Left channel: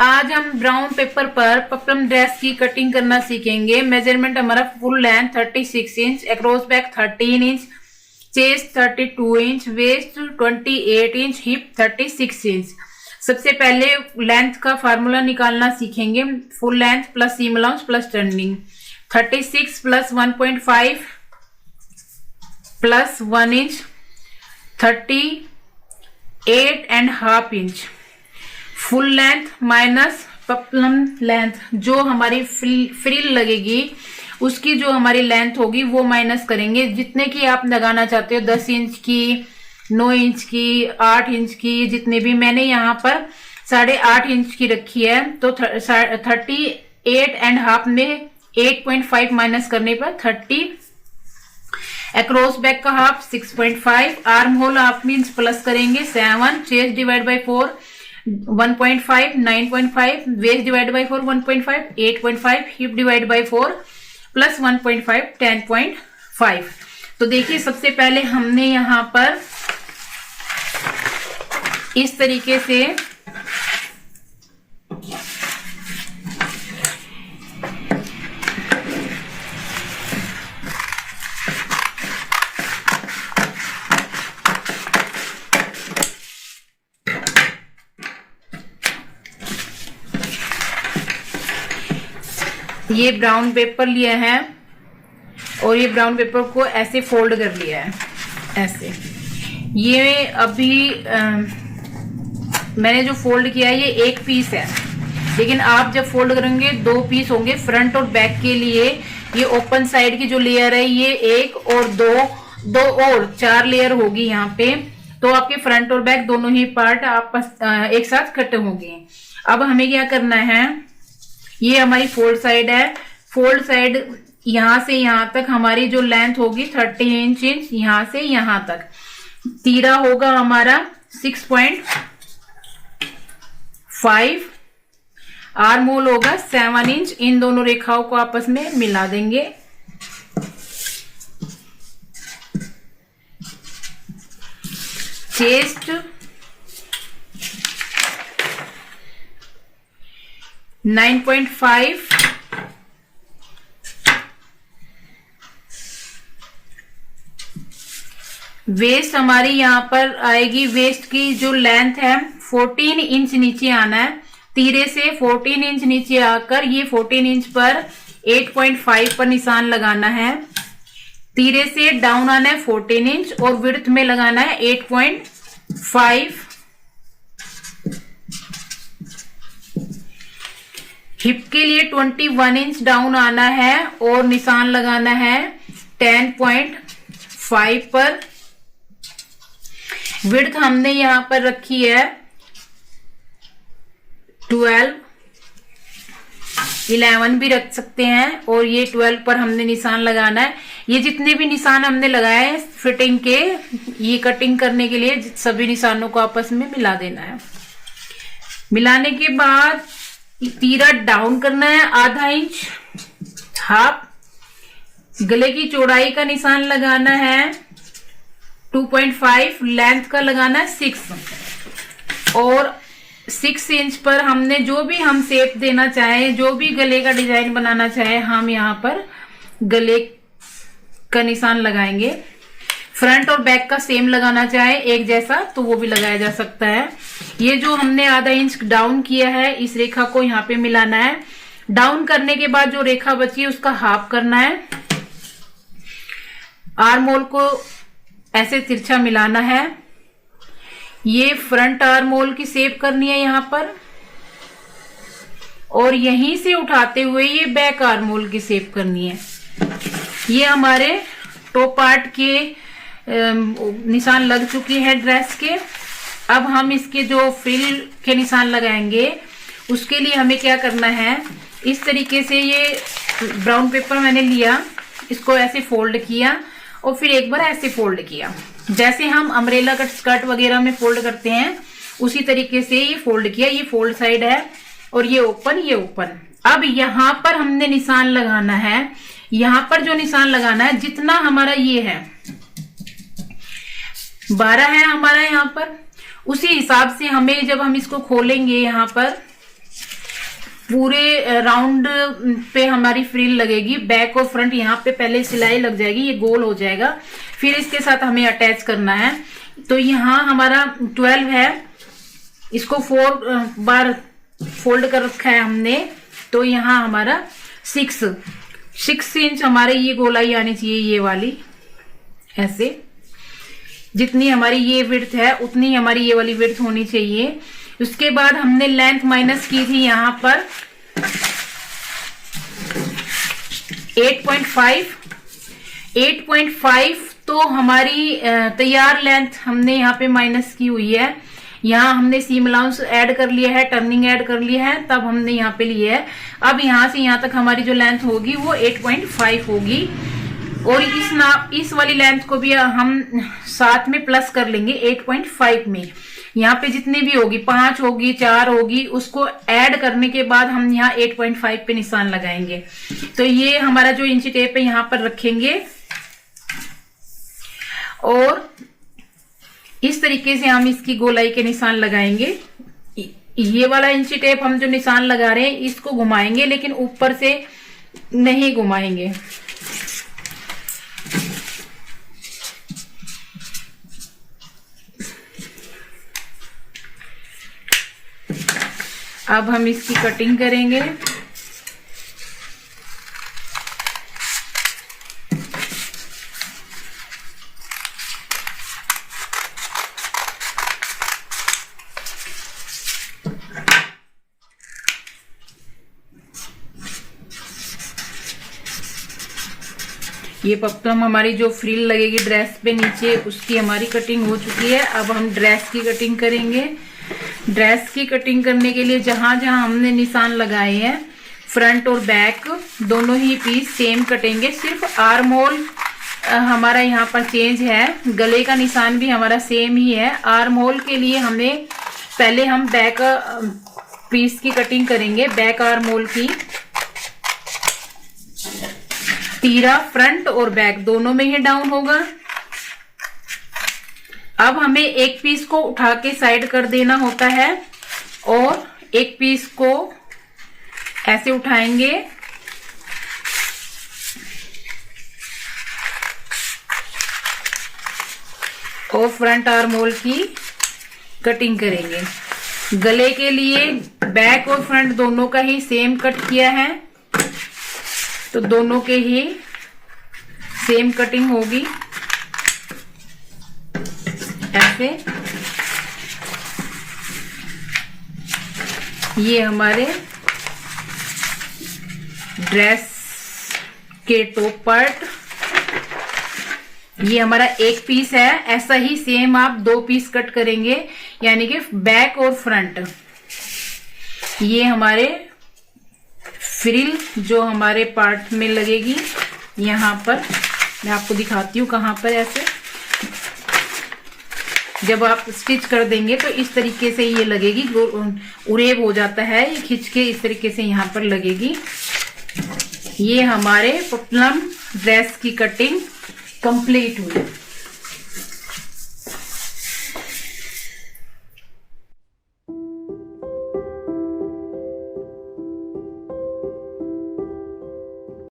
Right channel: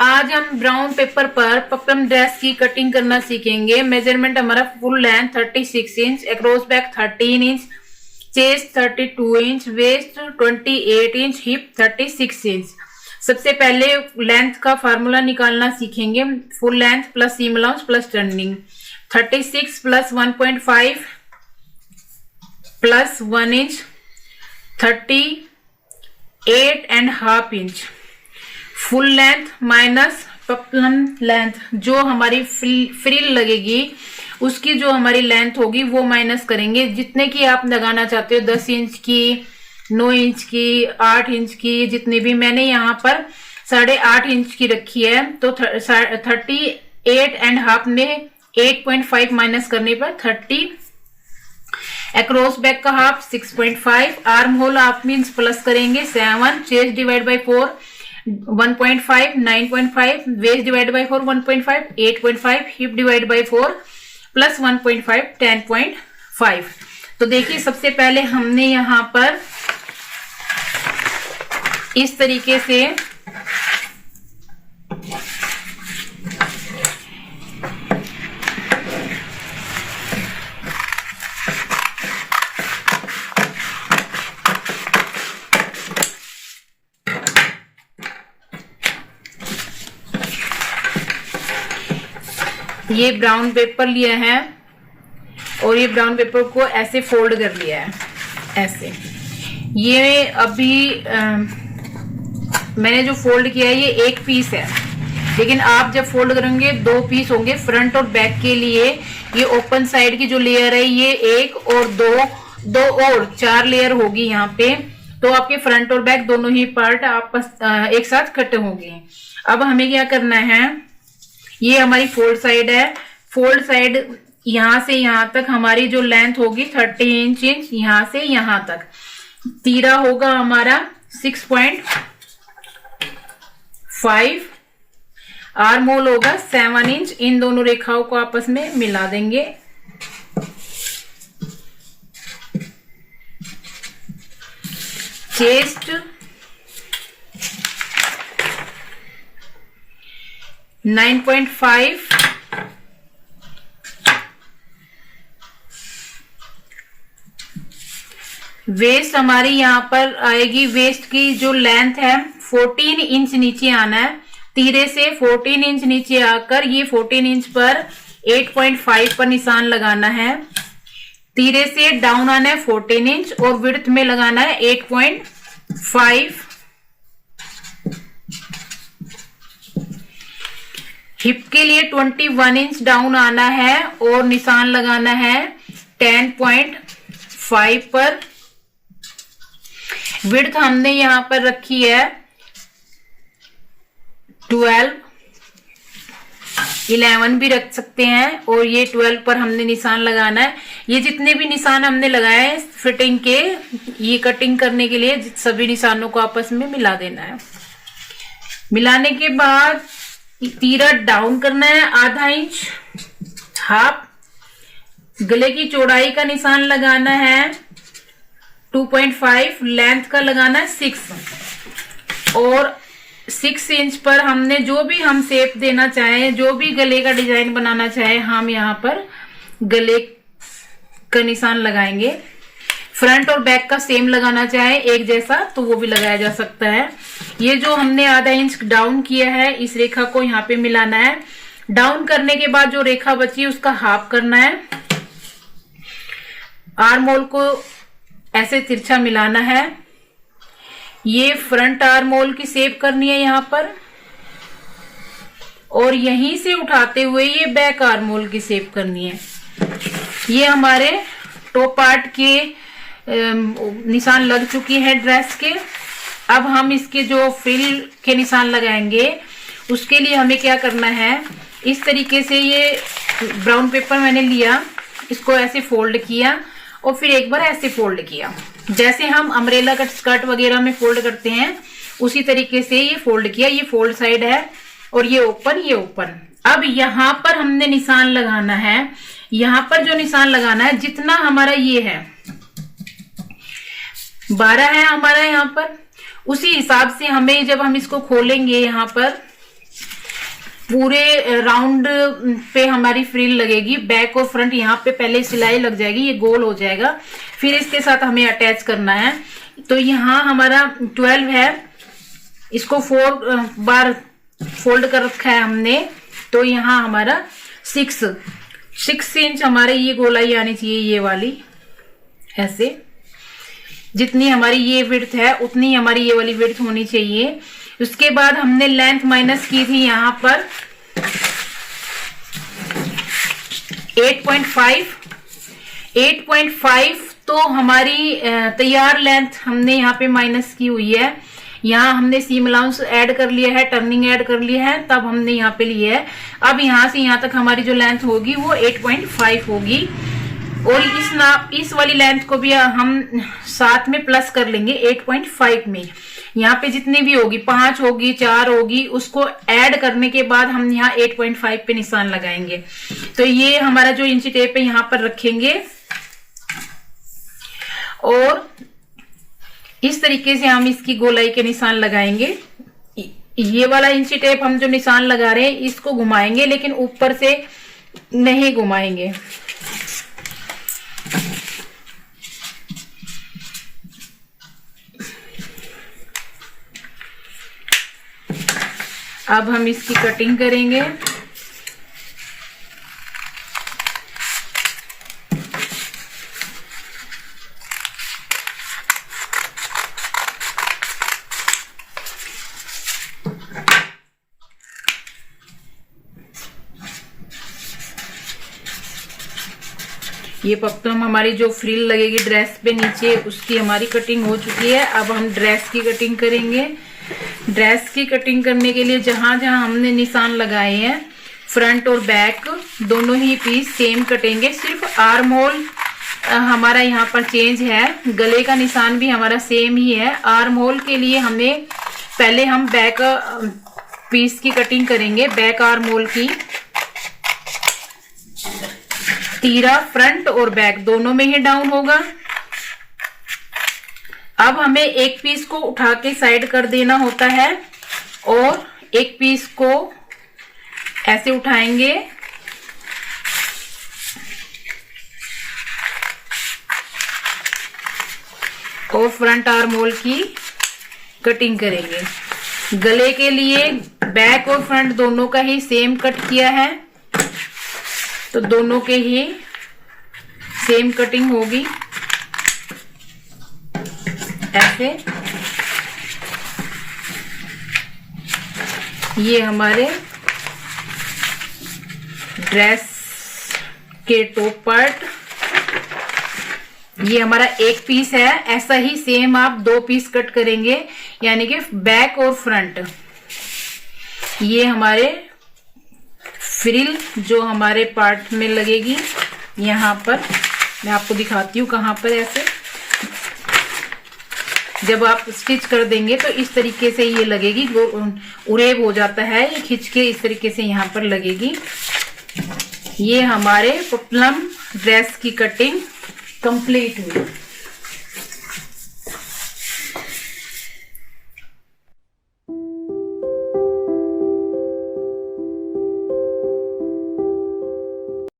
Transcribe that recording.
आज हम brown paper पर पपलम ड्रेस की कटिंग करना सीखेंगे। मेजरमेंट हमारा full length 36 inch, across back 13 inch, chest 32 inch, waist 28 inch, hip 36 inch. सबसे पहले लेंथ का फार्मूला निकालना सीखेंगे। Full length plus seam allowance plus turning. 36 plus 1.5 plus 1 inch 38.5 inch. Full length minus peplum length, जो हमारी frill लगेगी उसकी जो हमारी लेंथ होगी वो माइनस करेंगे। जितने की आप लगाना चाहते हो, 10 इंच की, 9 इंच की, 8 इंच की, जितने भी। मैंने यहाँ पर 8.5 इंच की रखी है, तो 38.5 में 8.5 माइनस करने पर 30। अक्रॉस बैक का half 6.5, arm hole half inch plus करेंगे 7, chest divide by 4 1.5, 9.5, waist divide by 4 1.5, 8.5, hip divide by 4 plus 1.5 10.5। तो देखिए सबसे पहले हमने यहां पर इस तरीके से ये ब्राउन पेपर लिया है और ये ब्राउन पेपर को ऐसे फोल्ड कर लिया है, ऐसे। ये अभी मैंने जो फोल्ड किया है ये एक पीस है, लेकिन आप जब फोल्ड करेंगे 2 पीस होंगे। फ्रंट और बैक के लिए ये ओपन साइड की जो लेयर है ये 1 और 2 और 4 लेयर होगी यहाँ पे। तो आपके फ्रंट और बैक दोनों ही पार्ट आपस एक साथ कट होंगे। अब हमें क्या करना है, ये हमारी फोल्ड साइड है। फोल्ड साइड यहां से यहां तक हमारी जो लेंथ होगी 30 इंच, यहां से यहां तक। तीरा होगा हमारा 6.5, आर्म होल होगा 7 इंच। इन दोनों रेखाओं को आपस में मिला देंगे। चेस्ट 9.5, वेस्ट हमारी यहां पर आएगी। वेस्ट की जो लेंथ है 14 इंच नीचे आना है। तीरे से 14 इंच नीचे आकर ये 14 इंच पर 8.5 पर निशान लगाना है। तीरे से डाउन आना है 14 इंच और विड्थ में लगाना है 8.5। हिप के लिए 21 इंच डाउन आना है और निशान लगाना है 10.5 पर। विड्थ हमने यहां पर रखी है 12, 11 भी रख सकते हैं, और ये 12 पर हमने निशान लगाना है। ये जितने भी निशान हमने लगाए फिटिंग के, ये कटिंग करने के लिए सभी निशानों को आपस में मिला देना है। मिलाने के बाद तीरा डाउन करना है आधा इंच, हाफ। गले की चौड़ाई का निशान लगाना है 2.5, लेंथ का लगाना है 6, और 6 इंच पर हमने जो भी हम शेप देना चाहे, जो भी गले का डिजाइन बनाना चाहे, हम यहाँ पर गले का निशान लगाएंगे। फ्रंट और बैक का सेम लगाना चाहे एक जैसा तो वो भी लगाया जा सकता है। ये जो हमने आधा इंच डाउन किया है, इस रेखा को यहाँ पे मिलाना है। डाउन करने के बाद जो रेखा बची है उसका हाफ करना है। आर्म होल को ऐसे तिरछा मिलाना है। ये फ्रंट आर्म होल की शेप करनी है यहाँ पर, और यहीं से उठाते हुए ये बैक आर्म होल की शेप करनी है। ये हमारे टॉप पार्ट के निशान लग चुकी है ड्रेस के। अब हम इसके जो फ्रिल के निशान लगाएंगे उसके लिए हमें क्या करना है, इस तरीके से ये ब्राउन पेपर मैंने लिया, इसको ऐसे फोल्ड किया और फिर एक बार ऐसे फोल्ड किया, जैसे हम अम्ब्रेला कट स्कर्ट वगैरह में फोल्ड करते हैं उसी तरीके से ये फोल्ड किया। ये फोल्ड साइड है और ये ओपन, ये ओपन। अब यहां पर हमने निशान लगाना है। यहां पर जो निशान लगाना है, जितना हमारा ये है 12 है हमारा यहाँ पर, उसी हिसाब से हमें जब हम इसको खोलेंगे यहाँ पर पूरे राउंड पे हमारी फ्रिल लगेगी। बैक और फ्रंट यहाँ पे पहले सिलाई लग जाएगी, ये गोल हो जाएगा, फिर इसके साथ हमें अटैच करना है। तो यहाँ हमारा 12 है, इसको 4 बार फोल्ड कर रखा है हमने। तो यहाँ हमारा 6 इंच हमारे ये गोलाई आनी चाहिए, ये वाली ऐसे। जितनी हमारी ये विड्थ है उतनी हमारी ये वाली विड्थ होनी चाहिए। उसके बाद हमने लेंथ माइनस की थी यहाँ पर 8.5 तो हमारी तैयार लेंथ हमने यहाँ पे माइनस की हुई है। यहाँ हमने सीम अलाउंस ऐड कर लिया है, टर्निंग ऐड कर लिया है, तब हमने यहाँ पे लिया है। अब यहाँ से यहाँ तक हमारी जो लेंथ होगी वो 8.5 होगी। और इस वाली लेंथ को भी हम साथ में प्लस कर लेंगे 8.5 में। यहाँ पे जितनी भी होगी, 5 होगी, 4 होगी, उसको ऐड करने के बाद हम यहाँ 8.5 पे निशान लगाएंगे। तो ये हमारा जो इंची टेप है यहाँ पर रखेंगे और इस तरीके से हम इसकी गोलाई के निशान लगाएंगे। ये वाला इंची टेप हम जो निशान लगा रहे हैं इसको घुमाएंगे, लेकिन ऊपर से नहीं घुमाएंगे। अब हम इसकी कटिंग करेंगे। ये पक्कम हमारी जो फ्रिल लगेगी ड्रेस पे नीचे, उसकी हमारी कटिंग हो चुकी है। अब हम ड्रेस की कटिंग करेंगे। ड्रेस की कटिंग करने के लिए जहां जहां हमने निशान लगाए हैं, फ्रंट और बैक दोनों ही पीस सेम कटेंगे। सिर्फ आर्म होल हमारा यहाँ पर चेंज है। गले का निशान भी हमारा सेम ही है। आर्म होल के लिए हमें पहले हम बैक पीस की कटिंग करेंगे। बैक आर्म होल की तीरा फ्रंट और बैक दोनों में ही डाउन होगा। अब हमें एक पीस को उठा के साइड कर देना होता है और एक पीस को ऐसे उठाएंगे और फ्रंट आर्म होल की कटिंग करेंगे। गले के लिए बैक और फ्रंट दोनों का ही सेम कट किया है, तो दोनों के ही सेम कटिंग होगी ऐसे। ये हमारे ड्रेस के टॉप पार्ट, ये हमारा एक पीस है। ऐसा ही सेम आप 2 पीस कट करेंगे, यानी कि बैक और फ्रंट। ये हमारे फ्रिल जो हमारे पार्ट में लगेगी, यहाँ पर मैं आपको दिखाती हूँ कहाँ पर। ऐसे जब आप स्टिच कर देंगे तो इस तरीके से ये लगेगी, उरेब हो जाता है, ये खिंच के इस तरीके से यहाँ पर लगेगी। ये हमारे पुतलम ड्रेस की कटिंग कंप्लीट हुई।